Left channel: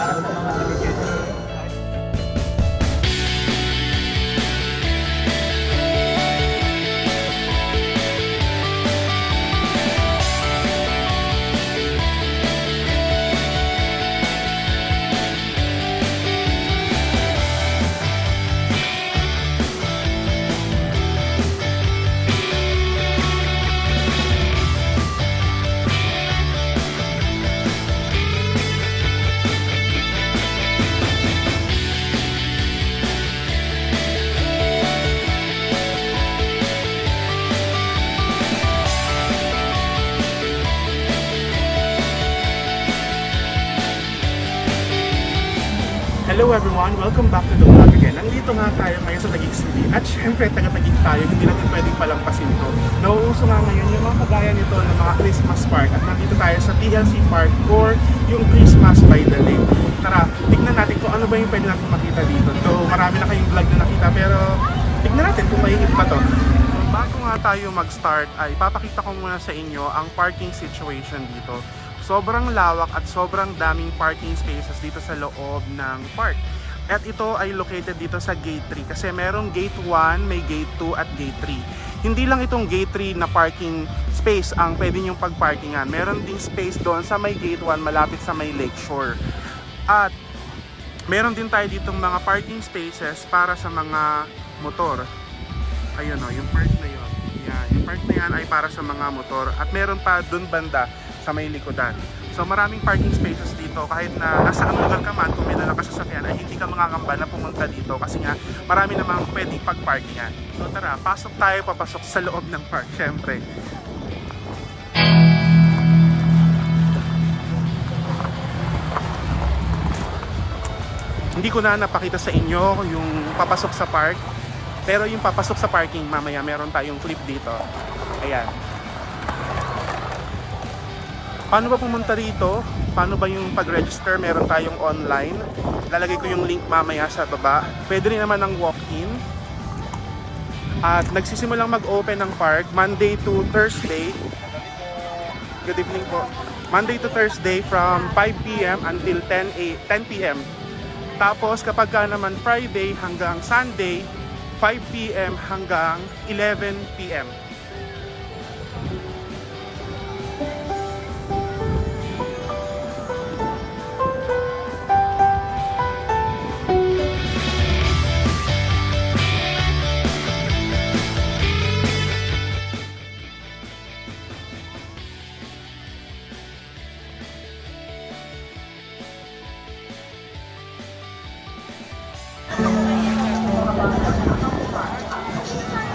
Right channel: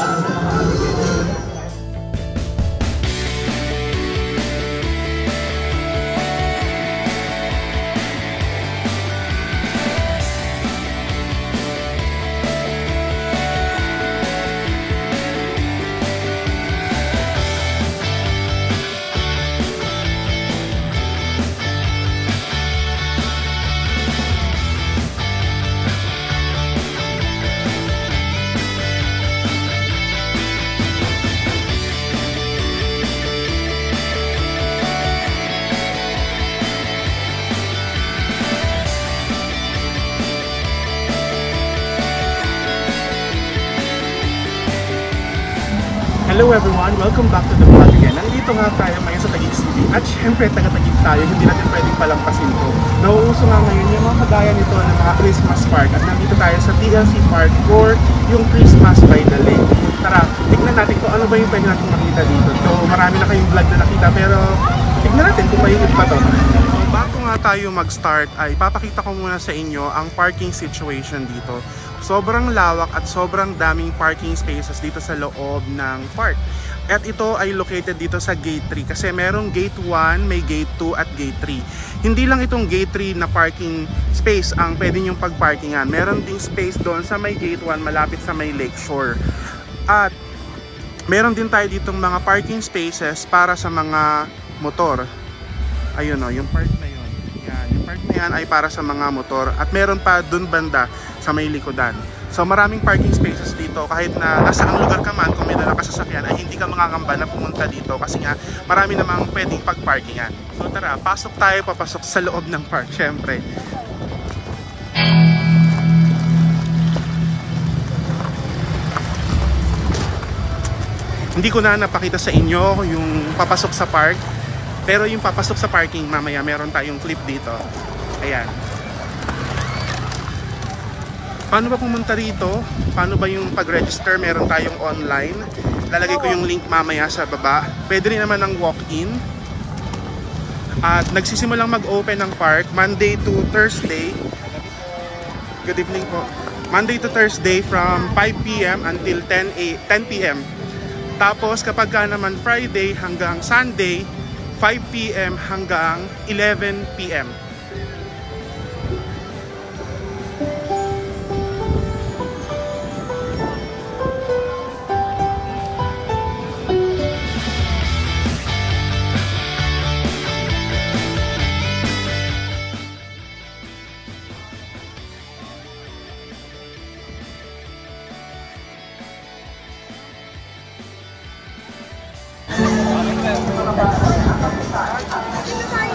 para sa mga Haligenya. Hello everyone! Welcome back to the vlog again. Nandito nga tayo ngayon sa Taguig City at syempre taga-Taguig tayo, hindi natin pwedeng palampasin to. Nauuso nga ngayon yung mga kagaya nito ng mga Christmas park at nandito tayo sa TLC Park or yung Christmas by the Lake. Tara, tignan natin kung ano ba yung pwede natin makita dito. So marami na kayong vlog na nakita pero tignan natin kung may iba to. So bago nga tayo mag-start ay papakita ko muna sa inyo ang parking situation dito. Sobrang lawak at sobrang daming parking spaces dito sa loob ng park. At ito ay located dito sa Gate 3 kasi merong Gate 1, may Gate 2 at Gate 3. Hindi lang itong Gate 3 na parking space ang pwede nyong pagparkingan. Meron ding space doon sa may Gate 1 malapit sa may Lakeshore. At meron din tayo ditong mga parking spaces para sa mga motor. Ayun o, yung park na yun. Yan, yung park na yan ay para sa mga motor. At meron pa dun banda sa may likodan. So maraming parking spaces dito kahit na nasa ang lugar ka man, kung may dala ka sa sasakyan ay hindi ka mangangamba na pumunta dito kasi nga marami namang pwedeng pagparkingan. So tara, pasok tayo, papasok sa loob ng park syempre. Hindi ko na napakita sa inyo yung papasok sa park, pero yung papasok sa parking mamaya meron tayong clip dito. Ayan. Paano ba pumunta rito? Paano ba yung pag-register? Meron tayong online. Lalagay ko yung link mamaya sa baba. Pwede rin naman ng walk-in. At nagsisimulang mag-open ng park Monday to Thursday. Good evening po. Monday to Thursday from 5 PM until 10 PM. Tapos kapag ka naman Friday hanggang Sunday, 5 PM hanggang 11 PM.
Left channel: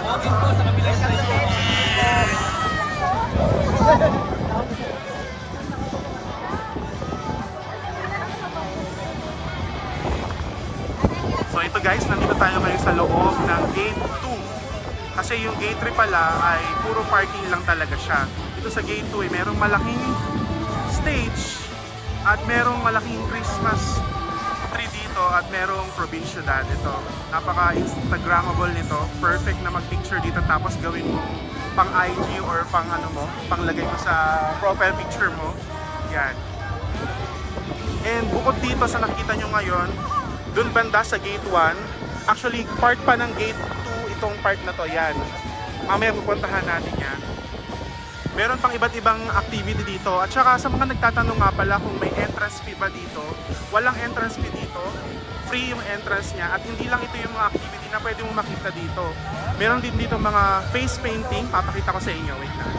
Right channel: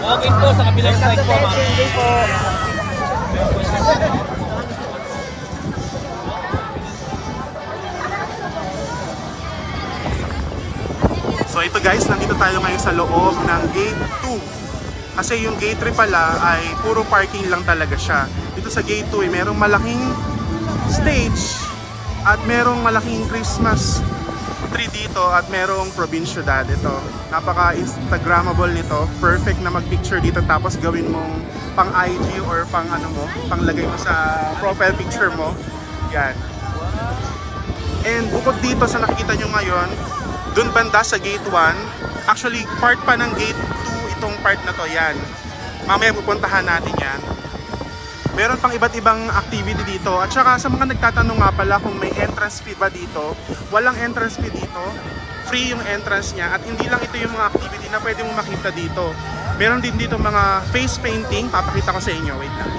Walk-in po sa kabilang side po. So ito guys, nandito tayo ngayon sa loob ng Gate 2. Kasi yung Gate 3 pala ay puro parking lang talaga siya. Dito sa Gate 2 ay merong malaking stage at merong malaking Christmas tree dito at merong probinsiyudad. Ito, napaka-instagrammable nito. Perfect na mag-picture dito tapos gawin mong pang IG or pang ano mo, pang lagay mo sa profile picture mo. Yan. And bukod dito sa nakikita nyo ngayon, dun banda sa Gate 1, actually part pa ng Gate 2 itong part na to. Yan. Mamaya pupuntahan natin yan. Meron pang iba't ibang activity dito. At saka sa mga nagtatanong nga pala kung may entrance fee ba dito, walang entrance fee dito. Free yung entrance niya. At hindi lang ito yung mga activity na pwede mo makita dito. Meron din dito mga face painting. Papakita ko sa inyo. Wait lang.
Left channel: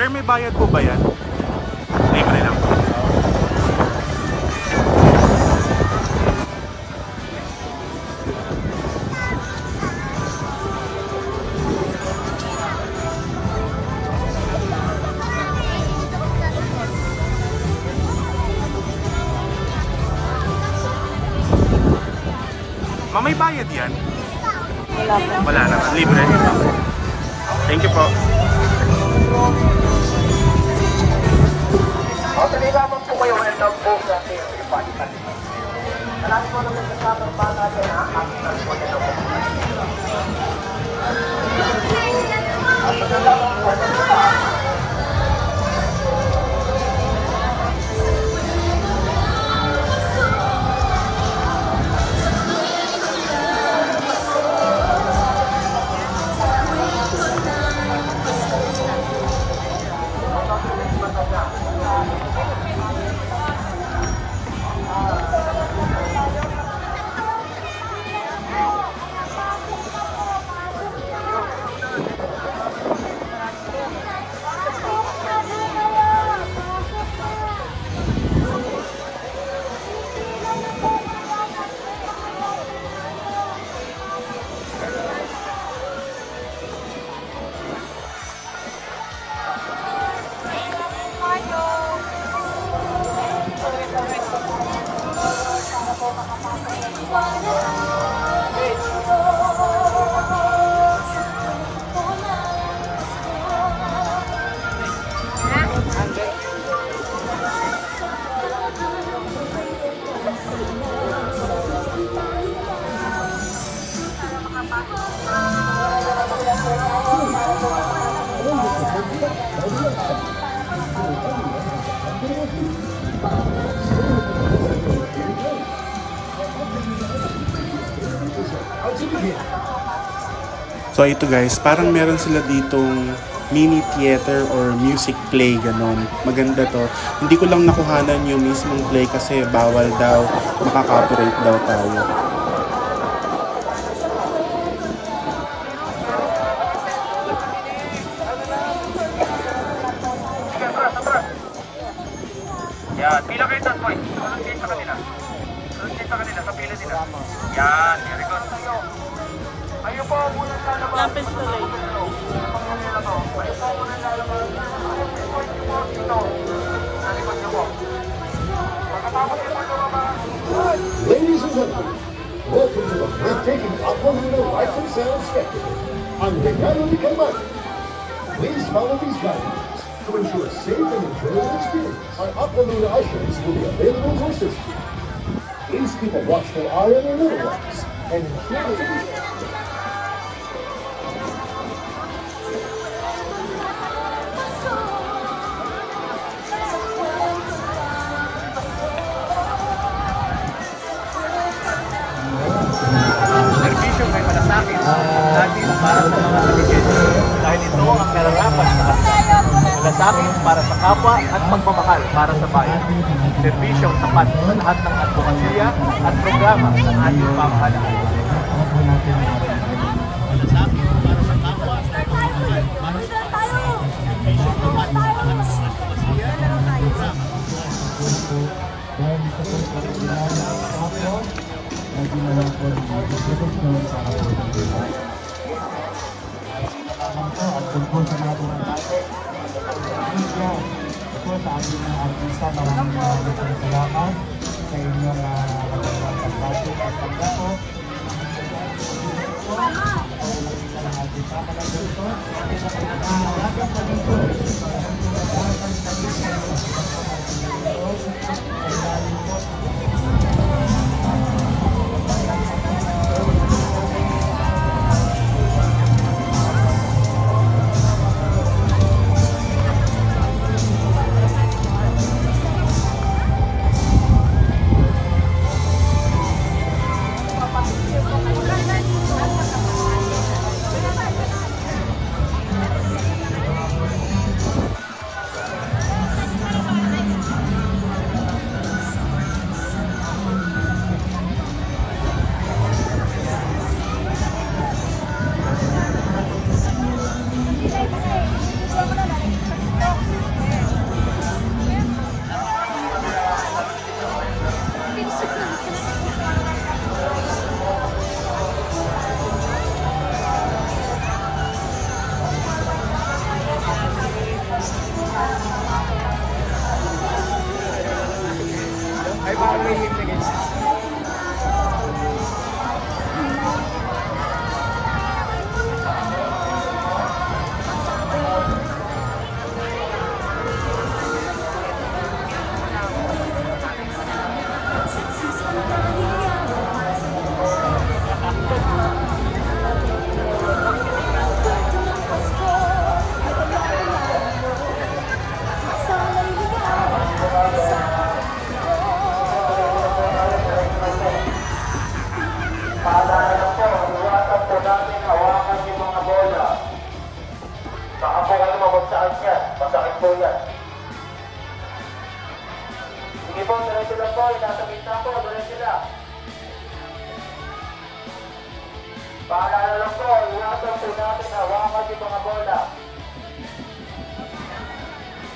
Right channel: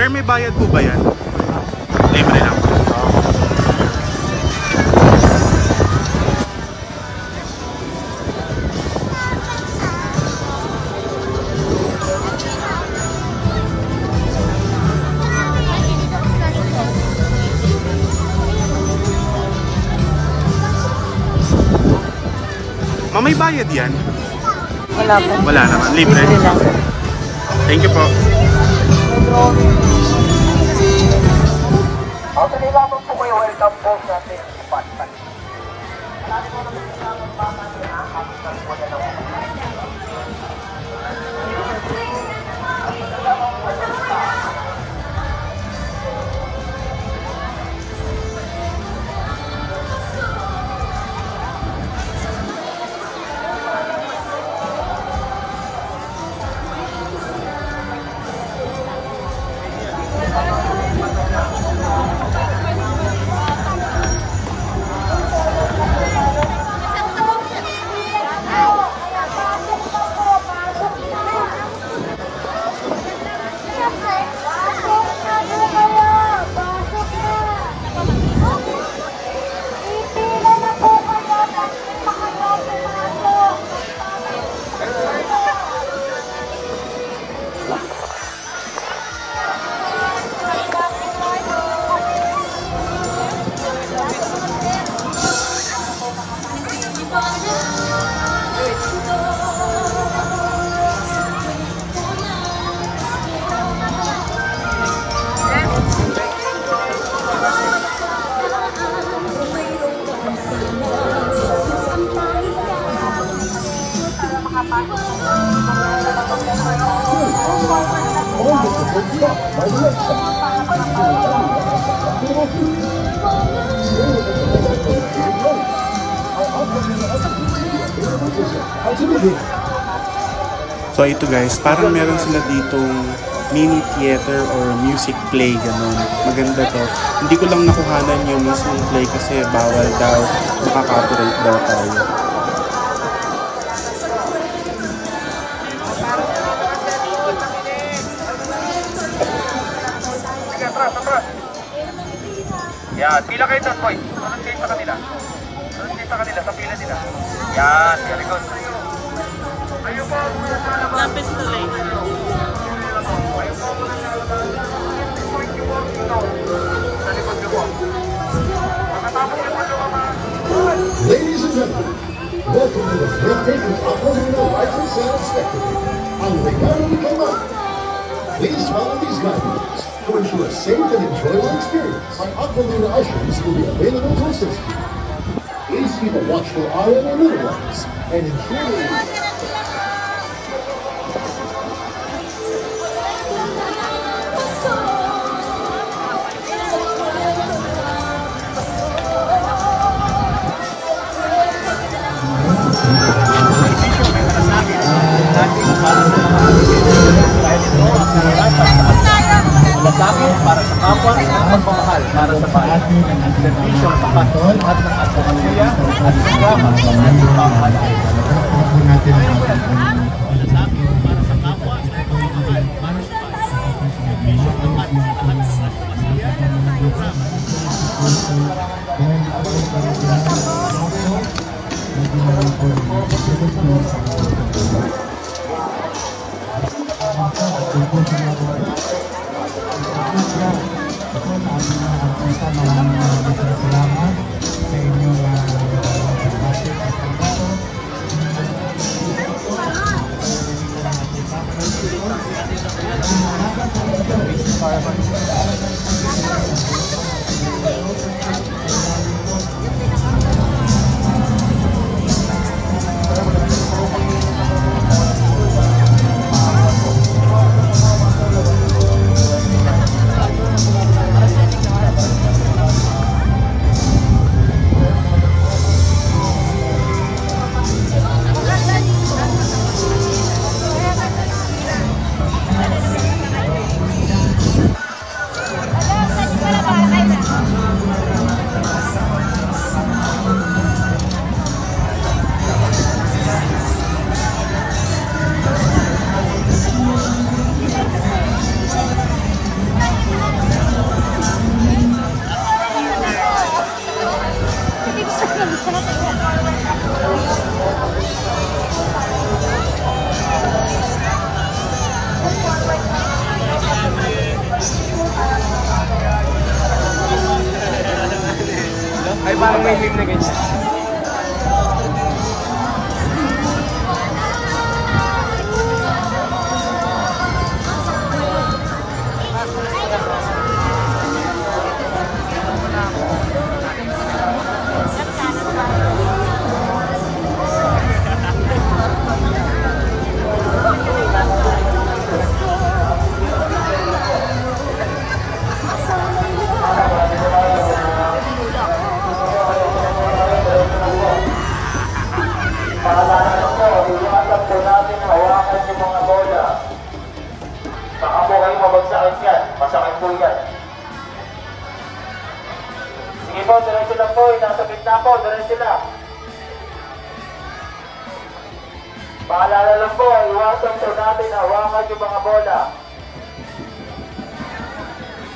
Sir, may bayad po ba yan? Libre lang. May bayad yan? Wala naman. Libre. Thank you po. So ito guys, parang meron sila ditong mini theater or music play, ganon. Maganda to. Hindi ko lang nakuhanan yung mismong play kasi bawal daw, makaka-copyright daw tayo. Yan, pila kayo doon, boy. Sunod kayo sa kanila. Sunod kayo sa kanila, sa pila nila. Yan, very good. Ayaw po muna sana lapis na lang. Ladies and gentlemen, welcome to the breathtaking Aquafina Life and Sound Spectacle on Regalo Canal. Please follow these guidelines to ensure a safe and enjoyable experience. Our Aquafina ushers will be available to assist you. Please keep a watchful eye on the little ones and ensure May malasakit natin para sa mga kaligid. Dahil ito ang nararapat sa kanya. Malasakit para sa kapwa at pagmamahal para sa bayan. Serbisyong tapat sa lahat ng advokasya at programa ng ating pamahalaan. Malasakit para sa kapwa at pagmamahal para sa bayan. Serbisyong tapat sa lahat ng advokasya at programa. may meme na ganyan. Masakit po yan. Sige po, diretso lang po. Nasa gitna po, diretso lang. Paalala lang po, iwasan po natin hawakan yung mga bola.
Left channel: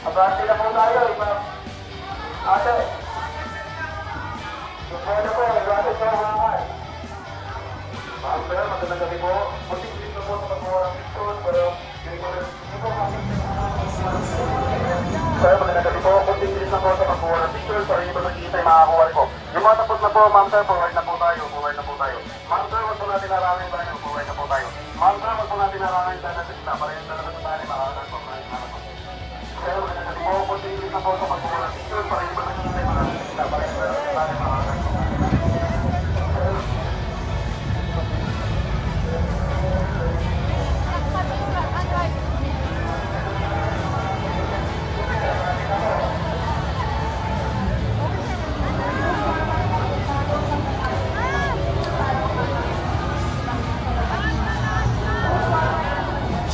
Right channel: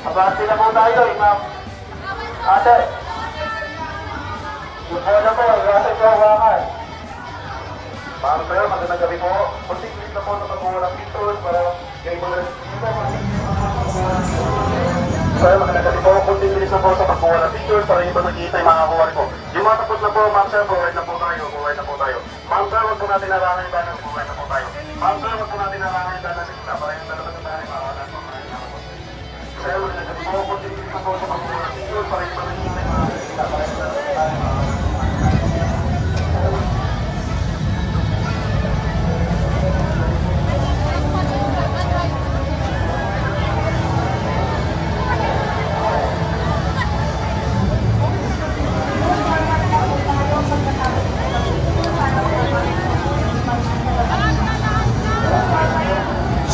Abante na po tayo, ma'am. Ate. Yung bola po, iwasan po hawakan. Ma'am sir, magandang gabi po. Kunting-ling na po sa pagkuha ng pictures para yung mga Sir, magandang gabi po. Kunting-ling na po sa pagkuha ng pictures para yung makikita yung makakuha rin po. Yung mga tapos na po, ma'am sir, buhay na po tayo. Ma'am sir, wag po natin narangan yung danas, buhay na po tayo. Ma'am sir, wag po natin narangan yung danas, para yung danas na tayo makakas po tayo. Sir, magandang gabi po. Kunting-ling na po sa pagkuha ng pictures para yung makikita para yung danas na tayo makakas.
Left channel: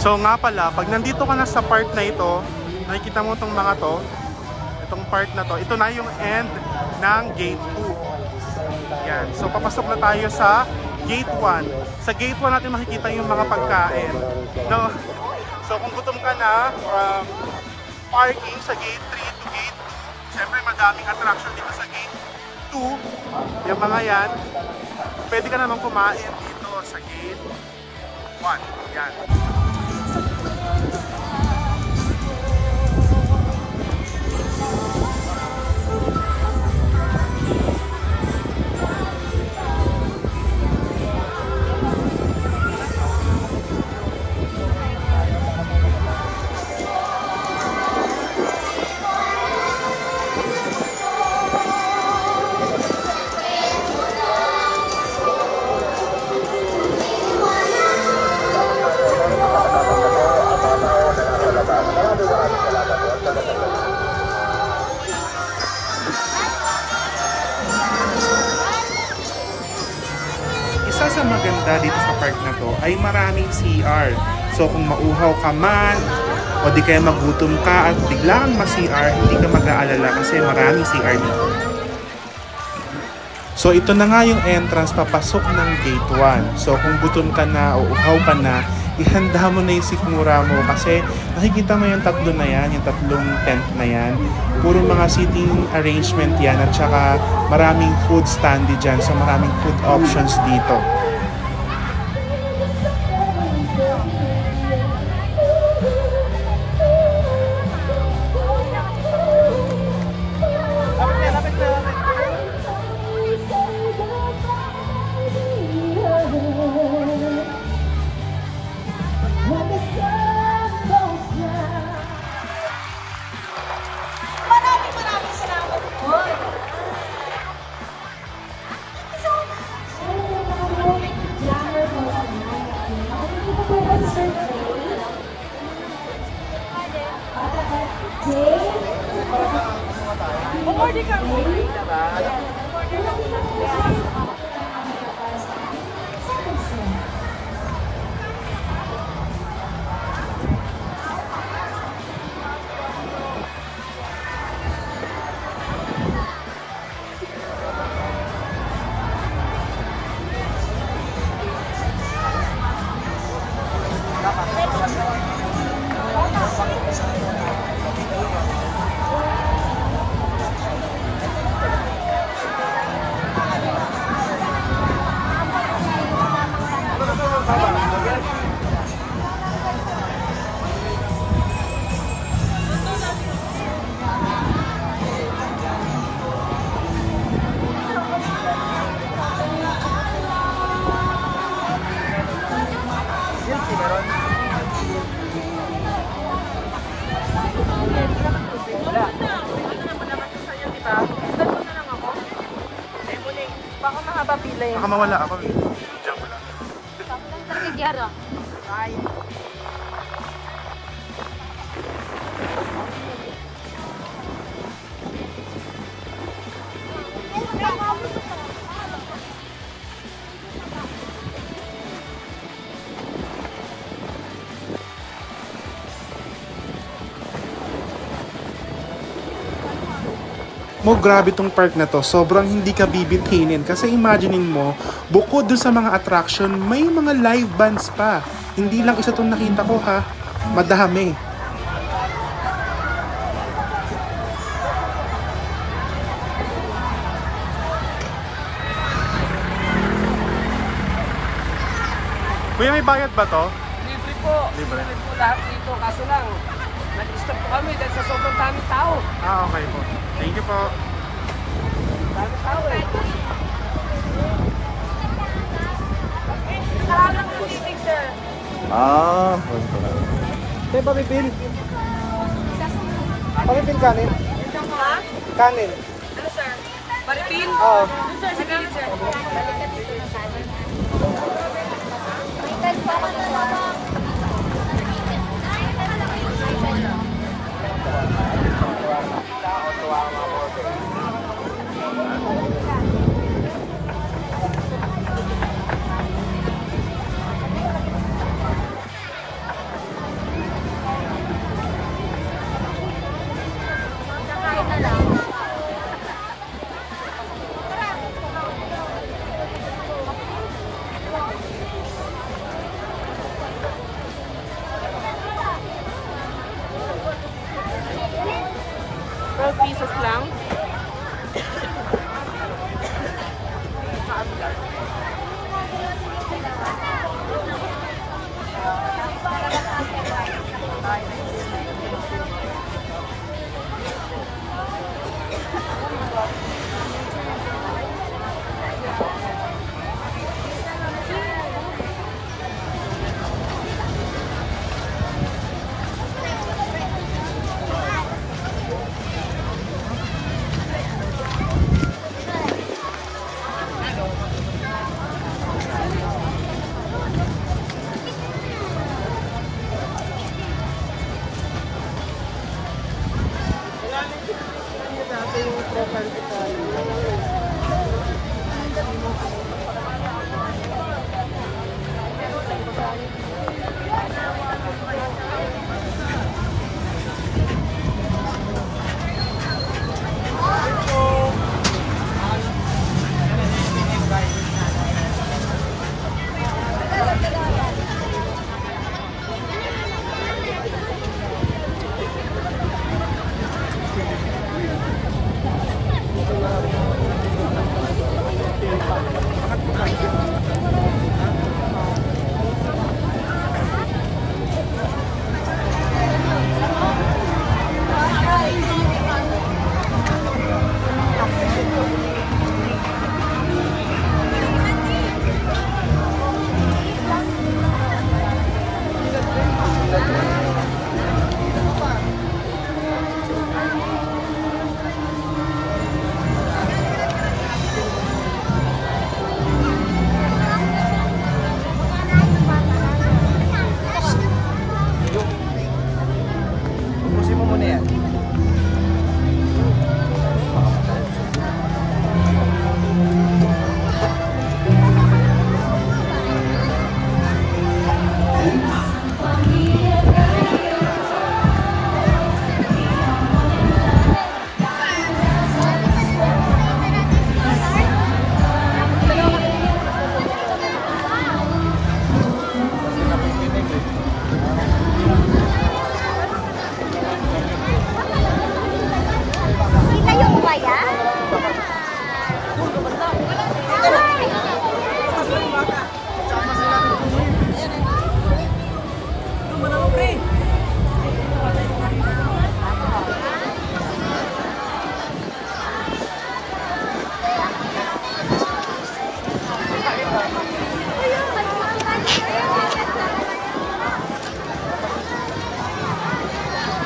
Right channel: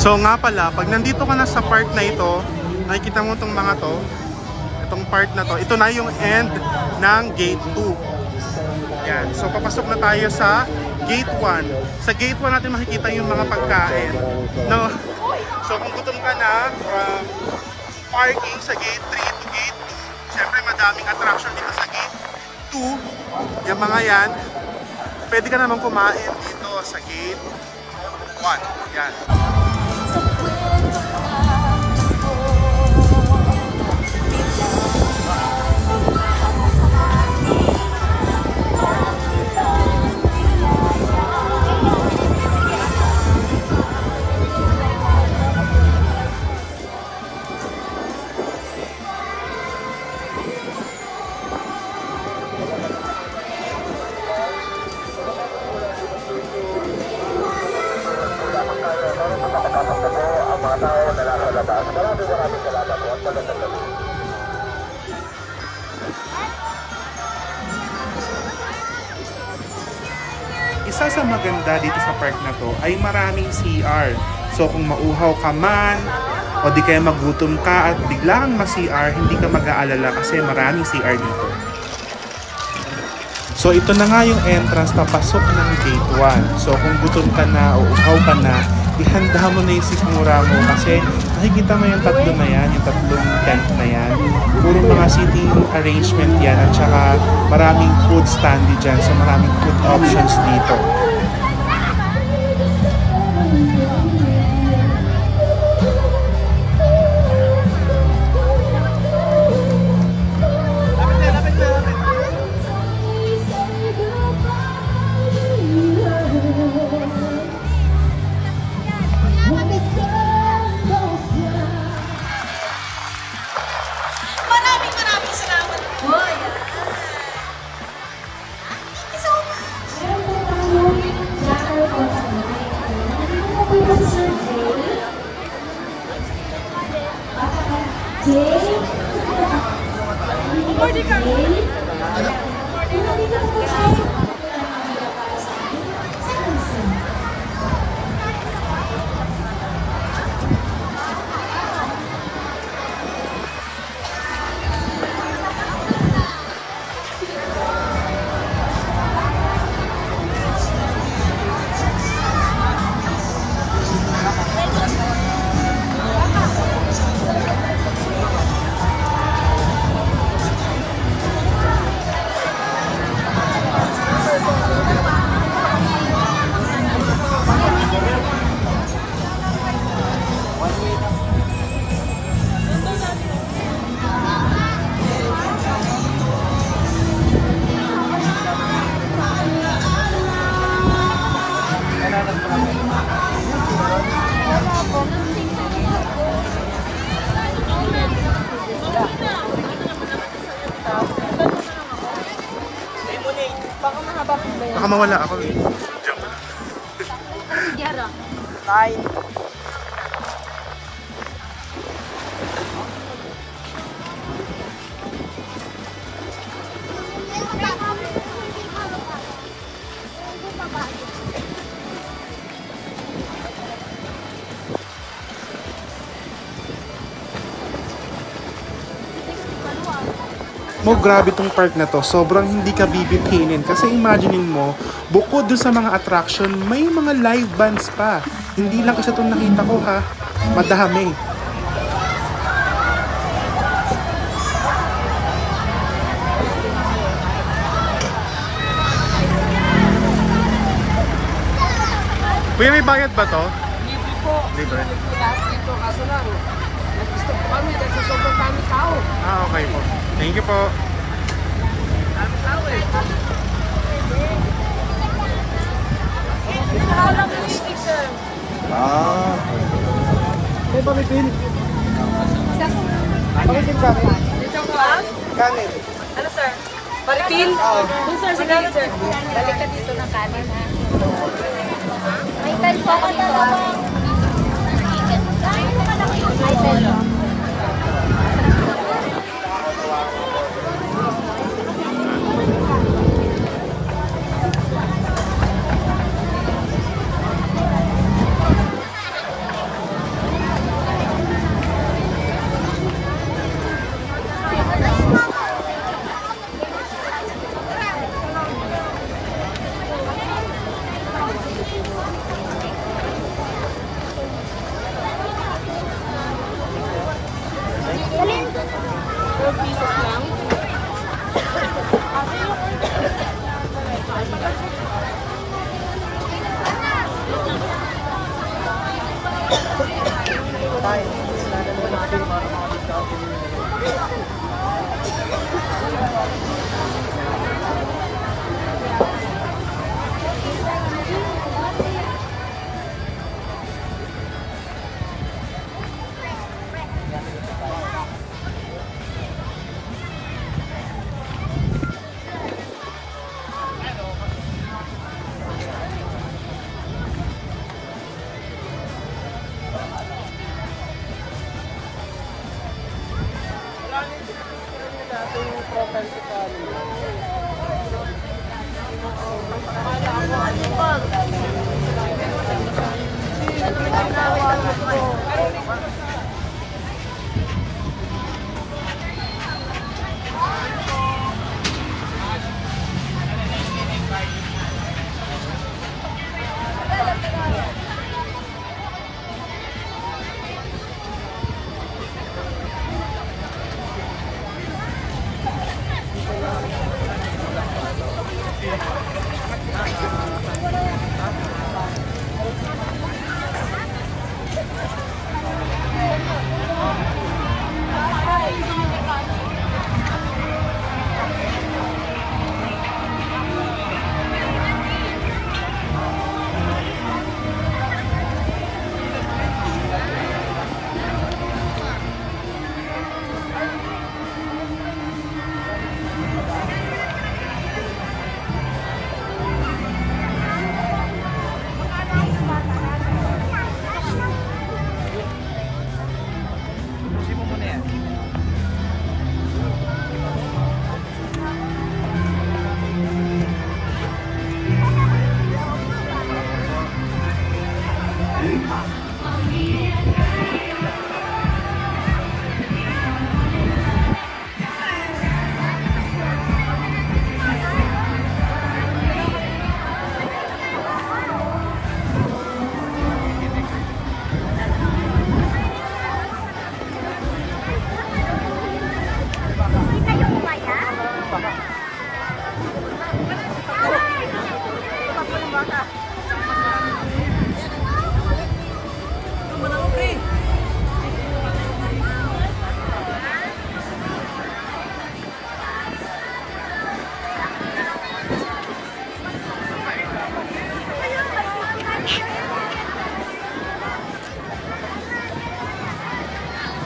So nga pala, pag nandito ka na sa part na ito, nakikita mo itong mga to, itong part na to, ito na yung end ng gate 2. Yan. So papasok na tayo sa gate 1. Sa gate 1 natin makikita yung mga pagkain. No? So kung gutom ka na, from parking sa gate 3 to gate 2, siyempre madaming attraction dito sa gate 2. Yung mga yan, pwede ka naman kumain dito sa gate 1. Yan. Isa sa maganda dito sa park na to ay maraming CR. So kung mauhaw ka man o di kaya magutom ka at bigla kang ma-CR, hindi ka mag-aalala kasi maraming CR dito. So ito na nga yung entrance papasok ng gate 1. So kung gutom ka na o uhaw ka na, ihanda mo na yung sikmura mo kasi nakikita mo yung tatlo na yan, yung tatlong tent na yan. Puro mga seating arrangement yan at saka maraming food standy dyan. So maraming food options dito. Maraming salamat po. Thank you so much. Baka mahaba pila yun. Baka mawala ako eh. Joke lang. Bye. Mo, grabe tong park na to. Sobrang hindi ka bibitinin. Kasi imaginein mo, bukod dun sa mga attraction, may mga live bands pa. Hindi lang isa tong nakita ko ha. Madami. Kuya, may bayad ba to? Libre po. Libre. Lahat dito, kaso lang, nag-stop kami dahil sa sobrang daming tao. Ah, okay po. Thank you po. Daming tao eh. Nakahalang na music, sir. Ah. Ito may pin. Ako yung pin kanin. Ha? Kanin. Ano, sir? Maritin? Oo. Doon, sir. Sa gilid, sir. Balik ka dito ng kanin. May time pa ka na lang.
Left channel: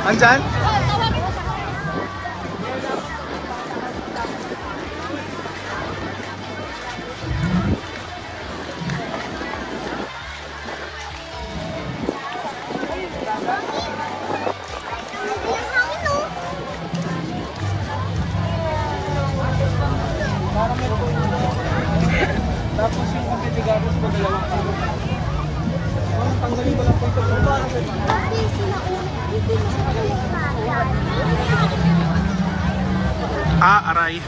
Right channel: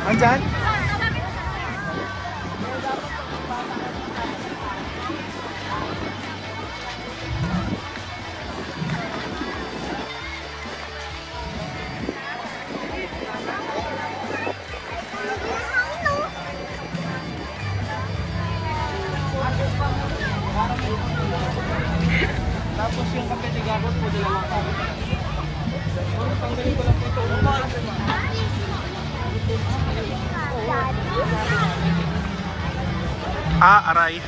Andyan? Tapos yung pagkatigatas po, 2 kami. Tanggalin ko lang po ito. Aray.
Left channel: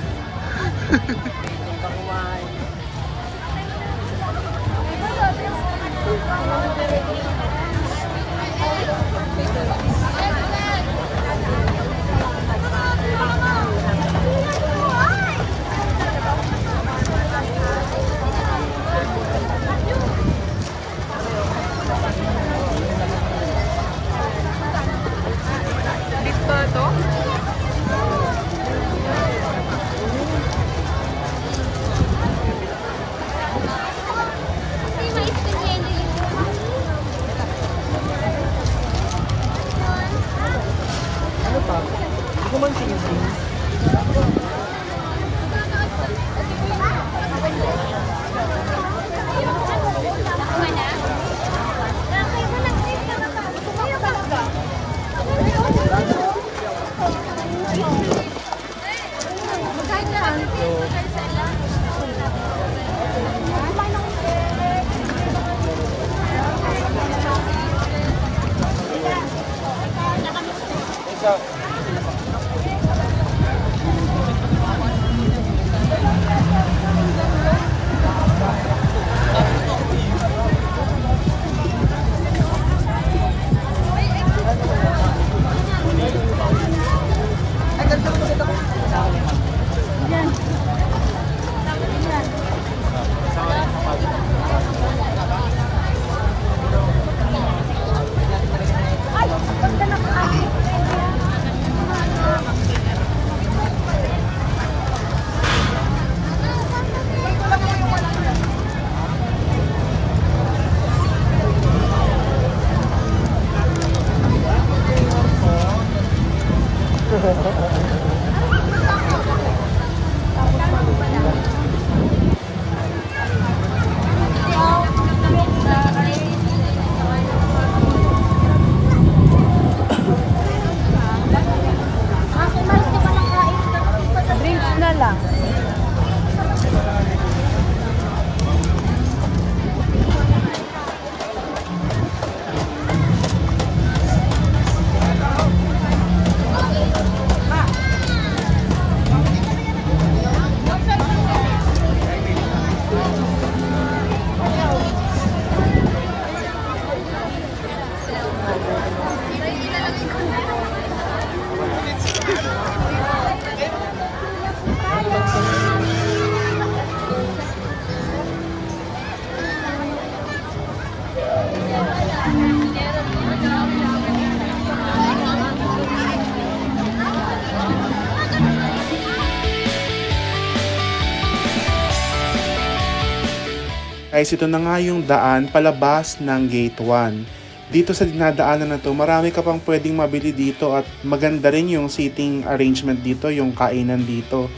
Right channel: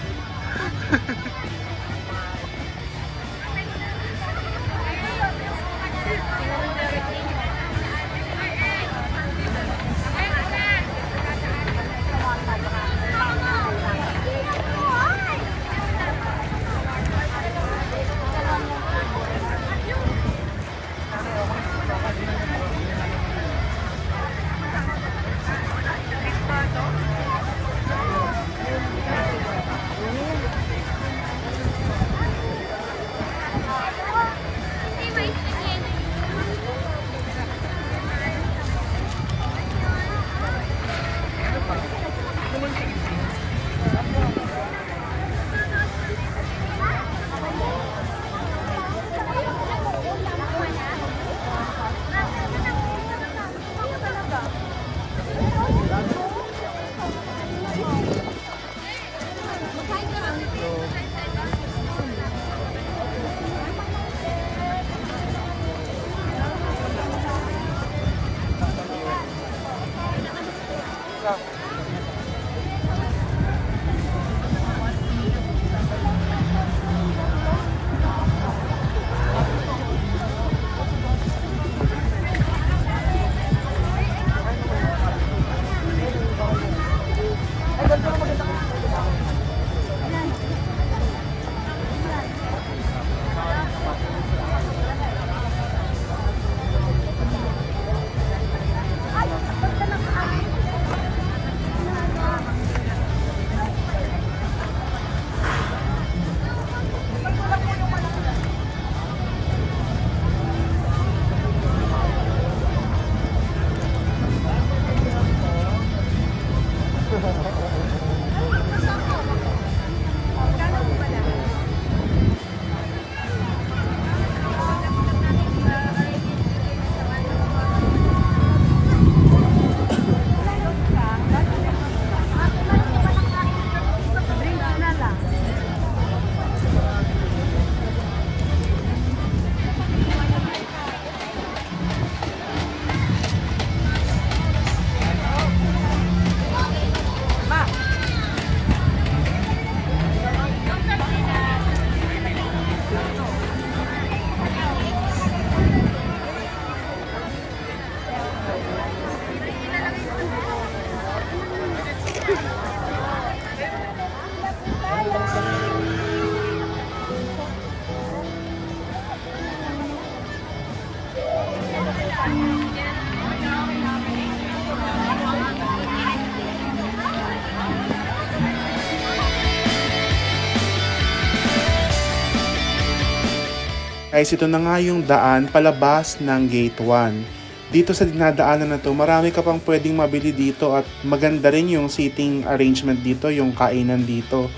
Guys, ito na nga yung daan palabas ng Gate 1. Dito sa dinadaanan na to, marami ka pang pwedeng mabili dito at maganda rin yung seating arrangement dito, yung kainan dito.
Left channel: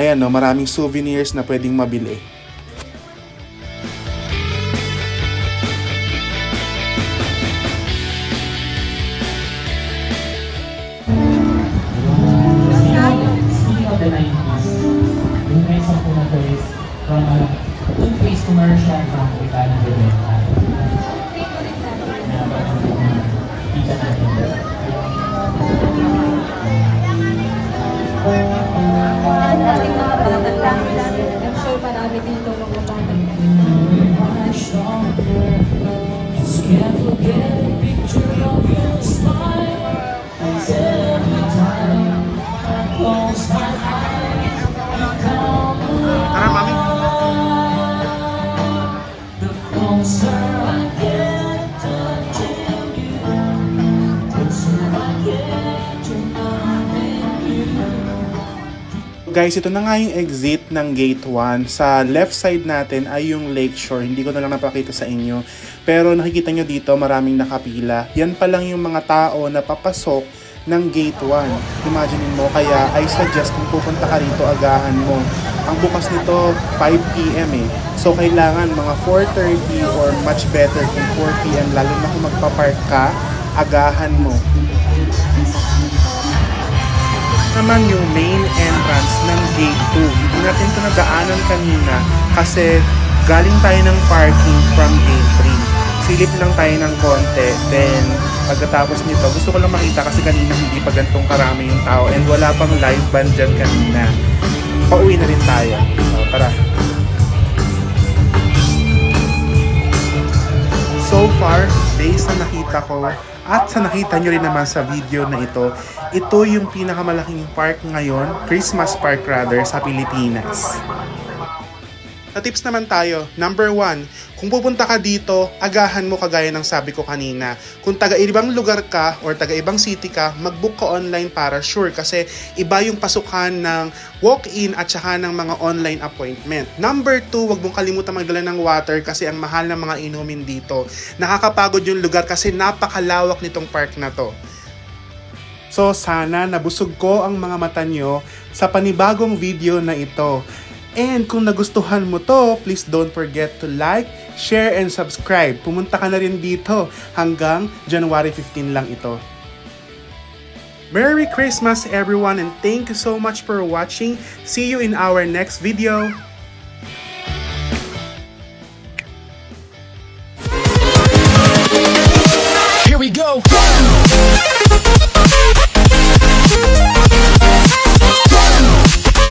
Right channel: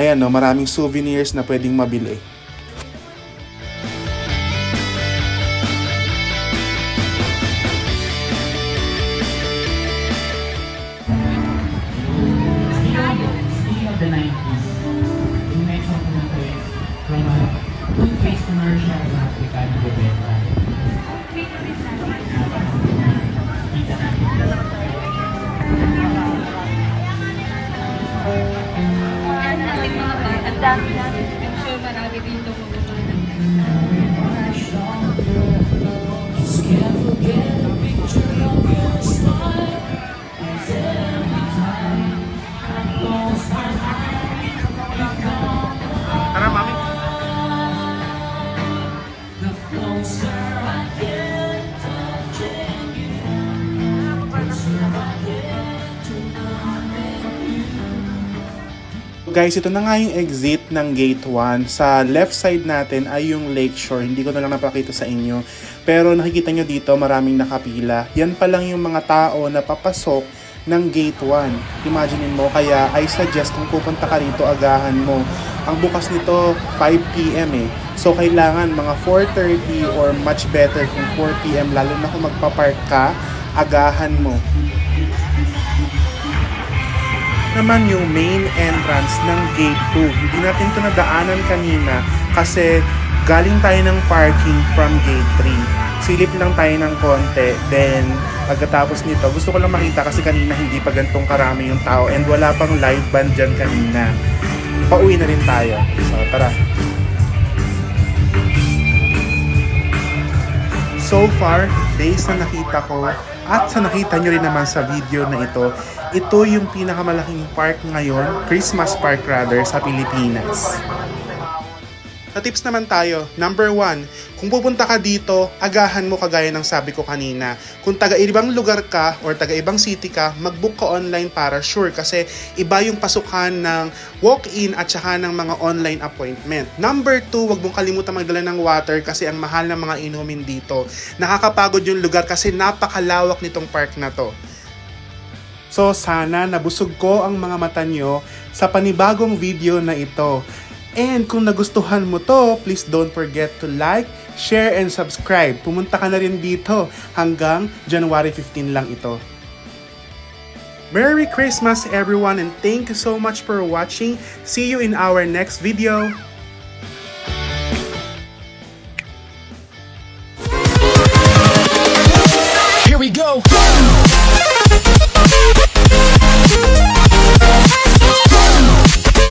Ayan no, maraming souvenirs na pwedeng mabili. Commercial na African Bebenta. I'm sure marami dito mga bata. Just can't forget a picture of your smile. Every time I close my eyes, Tara, mami. Guys, ito na nga yung exit ng Gate 1. Sa left side natin ay yung Lakeshore. Hindi ko na lang napakita sa inyo. Pero nakikita nyo dito maraming nakapila. Yan pa lang yung mga tao na papasok ng Gate 1. Imaginein mo, kaya I suggest kung pupunta ka rito, agahan mo. Ang bukas nito 5 PM eh. So kailangan mga 4:30 or much better kung 4 PM, lalo na kung magpapark ka, agahan mo. Naman yung main entrance ng Gate 2. Hindi natin ito nadaanan kanina kasi galing tayo ng parking from gate 3. Silip lang tayo ng konti, then pagkatapos nito, gusto ko lang makita kasi kanina hindi pa gantong karami yung tao and wala pang live band dyan kanina. Pauwi na rin tayo. So, tara. So far, based sa nakita ko at sa nakita nyo rin naman sa video na ito yung pinakamalaking park ngayon, Christmas park rather, sa Pilipinas. Sa tips naman tayo, number 1, kung pupunta ka dito, agahan mo kagaya ng sabi ko kanina. Kung taga-ibang lugar ka or taga-ibang city ka, mag-book ka online para sure kasi iba yung pasukan ng walk-in at saka ng mga online appointment. Number 2, wag mong kalimutan magdala ng water kasi ang mahal ng mga inumin dito. Nakakapagod yung lugar kasi napakalawak nitong park na to. So sana nabusog ko ang mga mata nyo sa panibagong video na ito. And kung nagustuhan mo to, please don't forget to like, share, and subscribe. Pumunta ka na rin dito hanggang January 15 lang ito. Merry Christmas everyone and thank you so much for watching. See you in our next video.